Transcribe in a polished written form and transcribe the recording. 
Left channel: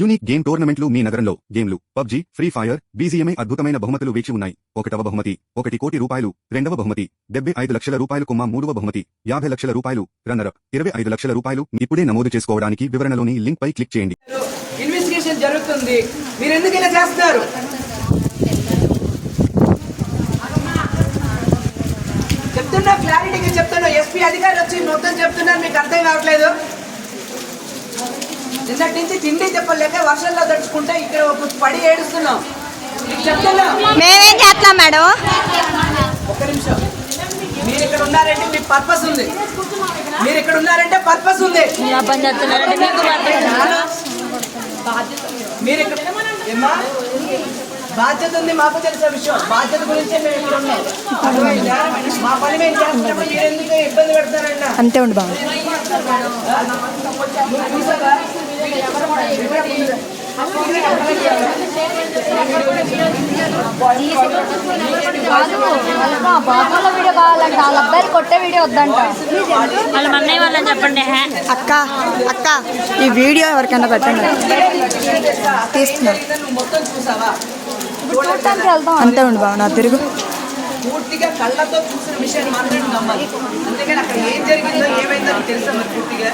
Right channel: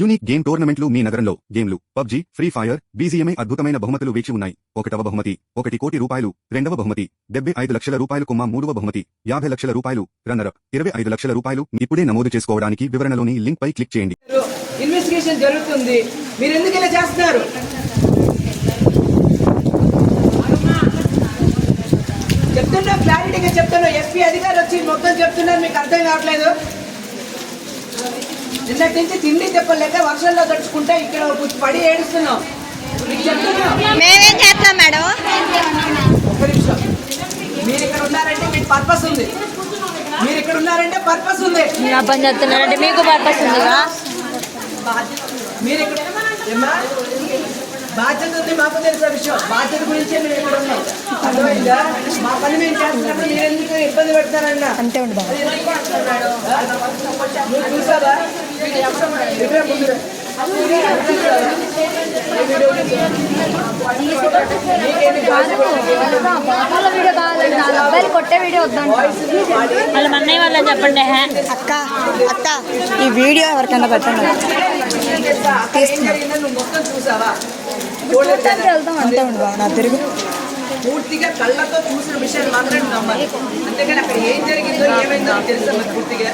Unique game టోర్నమెంట్లు మీ నగరంలో గేమ్లు పబ్జీ, ఫ్రీ ఫైర్, బీజీఎంఐ అద్భుతమైన బహుమతులు వేచి ఉన్నాయి. 1వ బహుమతి 1 కోటి రూపాయలు, 2వ బహుమతి 75 లక్షల రూపాయలు, 3వ బహుమతి 50 లక్షల రూపాయలు, రన్నరప్ 25 లక్షల రూపాయలు. ఇప్పుడే నమోదు చేసుకోవడానికి వివరణలోని లింక్ పై క్లిక్ చేయండి. ఇన్వెస్టిగేషన్ జరుగుతుంది, మీరు ఎందుకు ఇలా చేస్తున్నారు? చెప్తున్నా, క్లారిటీగా చెప్తున్నా. ఎస్పీ అధికారులు వచ్చి మొత్తం చెప్తున్నారు, మీకు అర్థం కావట్లేదు. నిన్నటి నుంచి తిండి చెప్పలేక వర్షంలో తడుచుకుంటే ఇక్కడ పడి ఏడుస్తున్నాం. మేమేం చేస్తాం మేడం? ఒక్క నిమిషం. మీరు ఇక్కడ ఉన్నారంటే మీకు పర్పస్ ఉంది. మీరు ఇక్కడ ఉన్నారంటే పర్పస్ ఉంది. మీరు ఇక్కడ బాధ్యత ఉంది, మాకు తెలిసిన విషయం. బాధ్యత గురించే మేము ఇక్కడ ఉన్నాం. అర్థమైందా? మా పని మేము చేస్తున్నప్పుడు మీరు ఎందుకు ఇబ్బంది పెడతారన్నా? అంతే ఉండు బాబు. చూసావా? బాబుల వీడియో కావాలంటే వాళ్ళ అబ్బాయిలు కొట్టే వీడియో వద్దంట. వాళ్ళ అన్నయ్య వాళ్ళని చెప్పండి. అక్క అక్క ఈ వీడియో ఎవరికైనా పెట్టండి. మొత్తం చూసావా? చూడటానికి వెళ్తాం. అంతే ఉండు బాబు. నా తిరుగు పూర్తిగా కళ్ళతో చూసిన విషయాన్ని మాత్రం నమ్మాలి. అంతేగాని అక్కడ ఏం జరిగిందో ఏమైందో తెలుసా పూర్తిగా.